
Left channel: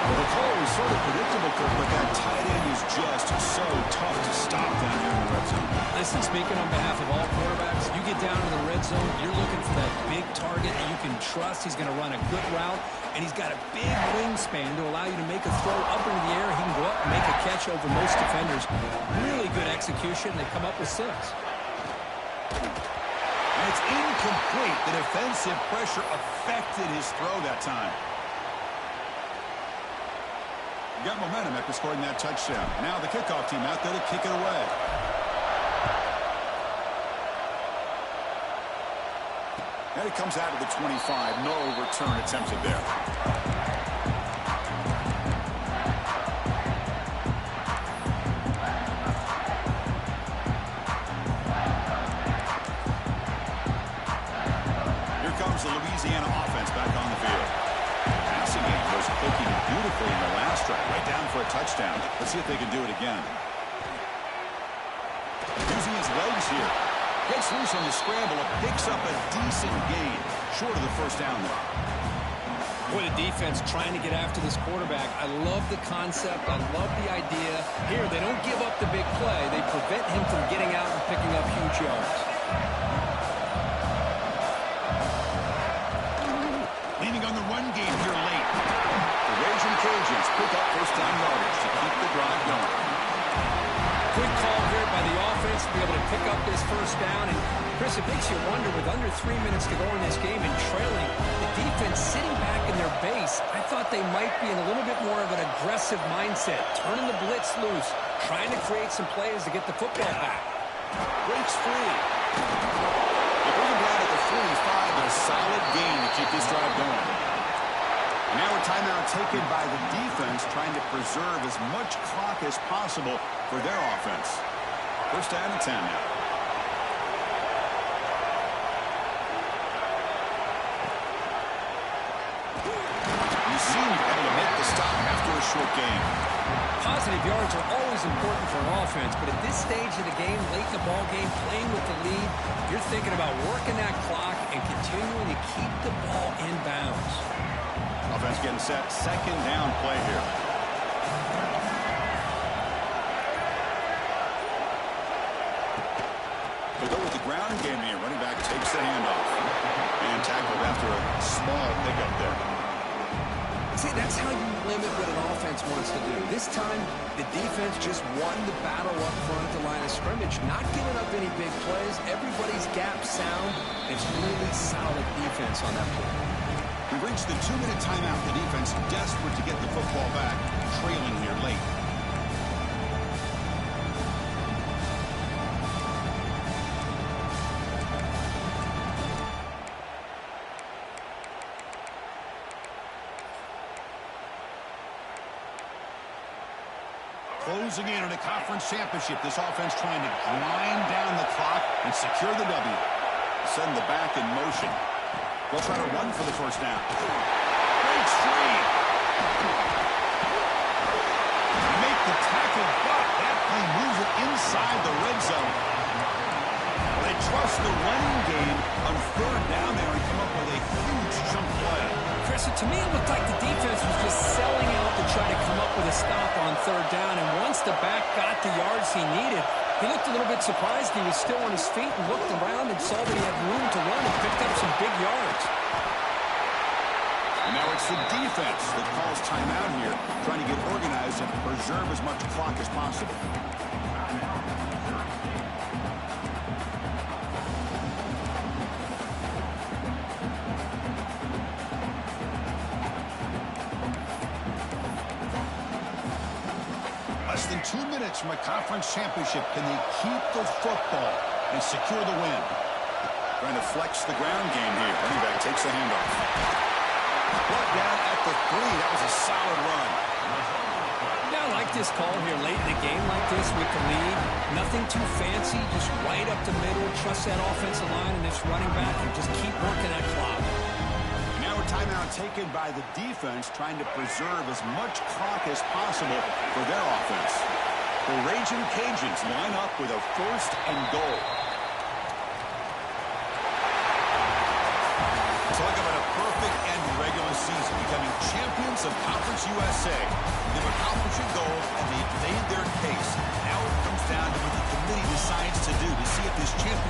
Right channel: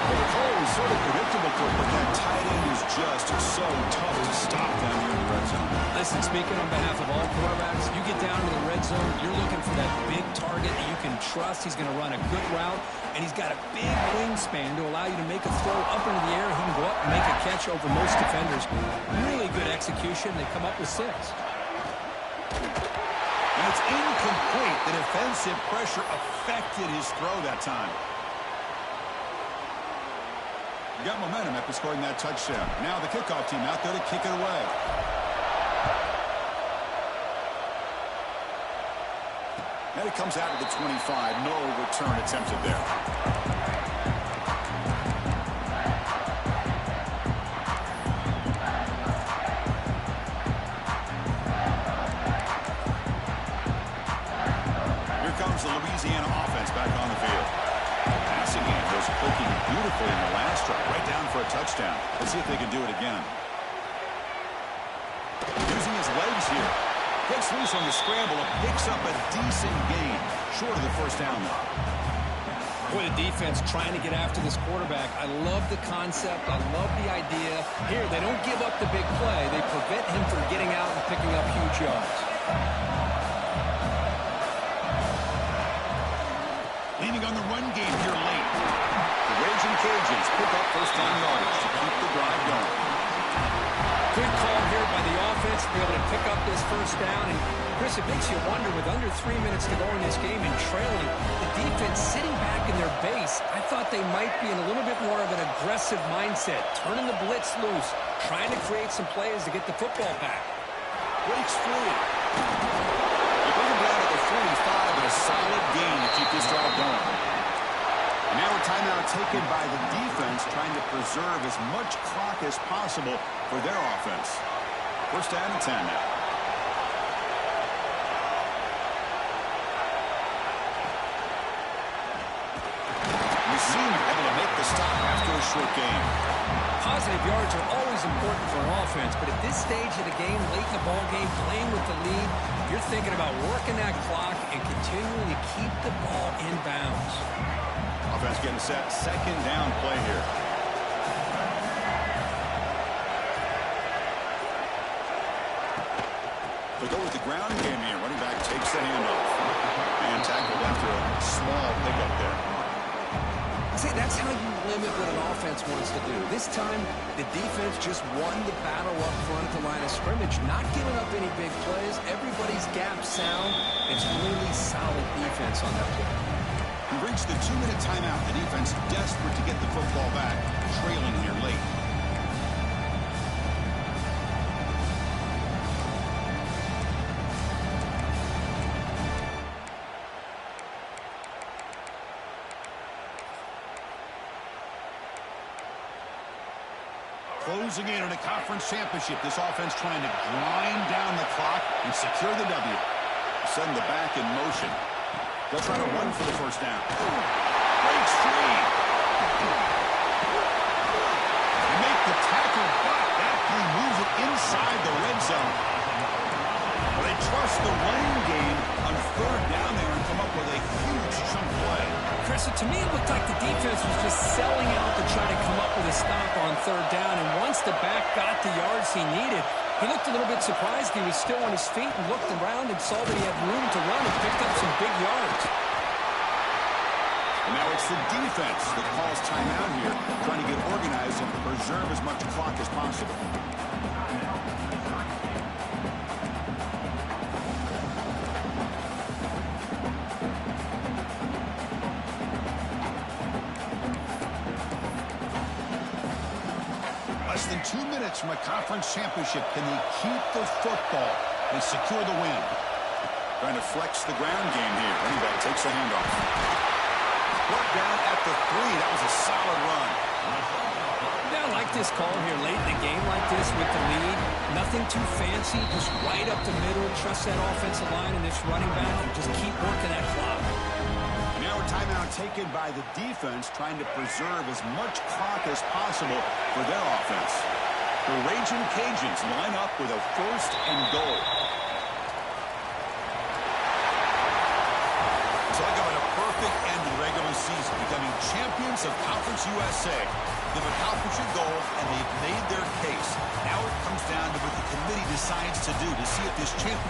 Well, the call was sort of predictable, Kirk, but that tight end is just so tough to stop down here in the red zone. Listen, speaking on behalf of all quarterbacks, you get down to the red zone, you're looking for that big target that you can trust. He's going to run a good route, and he's got a big wingspan to allow you to make a throw up into the air. He can go up and make a catch over most defenders. Really good execution. They come up with 6. And it's incomplete. The defensive pressure affected his throw that time. You got momentum after scoring that touchdown. Now the kickoff team out there to kick it away. And it comes out to the 25. No return attempted there. Here comes the Louisiana offense back on the field. Passing game was clicking beautifully in the last drive, right down for a touchdown. Let's see if they can do it again. Using his legs here. Gets loose on the scramble, picks up a decent gain. Short of the first down, though. Boy, the defense trying to get after this quarterback. I love the concept. I love the idea. Here, they don't give up the big play. They prevent him from getting out and picking up huge yards. Leaning on the run game here late. The Raging Cajuns pick up first down yardage to keep the drive going. Good call here by the offense to be able to pick up this first down. And, Chris, it makes you wonder, with under 3 minutes to go in this game and trailing, the defense sitting back in their base, I thought they might be in a little bit more of an aggressive mindset, turning the blitz loose, trying to create some plays to get the football back. Breaks free. They bring him down to the 45, and a solid gain to keep this drive going. And now a timeout taken by the defense, trying to preserve as much clock as possible for their offense. First down and 10 now. The senior able to make the stop after a short game. Positive yards are always important for an offense, but at this stage of the game, late in the ball game, playing with the lead, you're thinking about working that clock and continuing to keep the ball in bounds. Offense getting set. Second down play here. They'll go with the ground game here. Running back takes the handoff. And tackled after a small pickup there. See, that's how you limit what an offense wants to do. This time, the defense just won the battle up front at the line of scrimmage, not giving up any big plays. Everybody's gap sound. It's really solid defense on that play. We reached the 2-minute timeout. The defense desperate to get the football back, trailing here late. Closing in on a conference championship, this offense trying to grind down the clock and secure the W. Send the back in motion. They'll try to run for the first down. Breaks free. They make the tackle, but that play moves it inside the red zone. Well, they trust the running game on third down there and come up with a huge chunk play. Chris, to me, it looked like the defense was just selling out to try to come up with a stop on third down. And once the back got the yards he needed, he looked a little bit surprised. He was still on his feet and looked around and saw that he had room to run and picked up some big yards. And now it's the defense that calls timeout here, trying to get organized and preserve as much clock as possible. Less than 2 minutes from a conference championship. Can they keep the football and secure the win? Trying to flex the ground game here. Running back takes the handoff. Brought down at the 3. That was a solid run. Yeah, I like this call here late in the game like this with the lead. Nothing too fancy, just right up the middle. Trust that offensive line and this running back and just keep working that clock. Now a timeout taken by the defense, trying to preserve as much clock as possible for their offense. The Raging Cajuns line up with a 1st and goal. Talk about a perfect end to the regular season, becoming champions of Conference USA. They've accomplished a goal, and they've made their case. Now it comes down to what the committee decides to do to see if this championship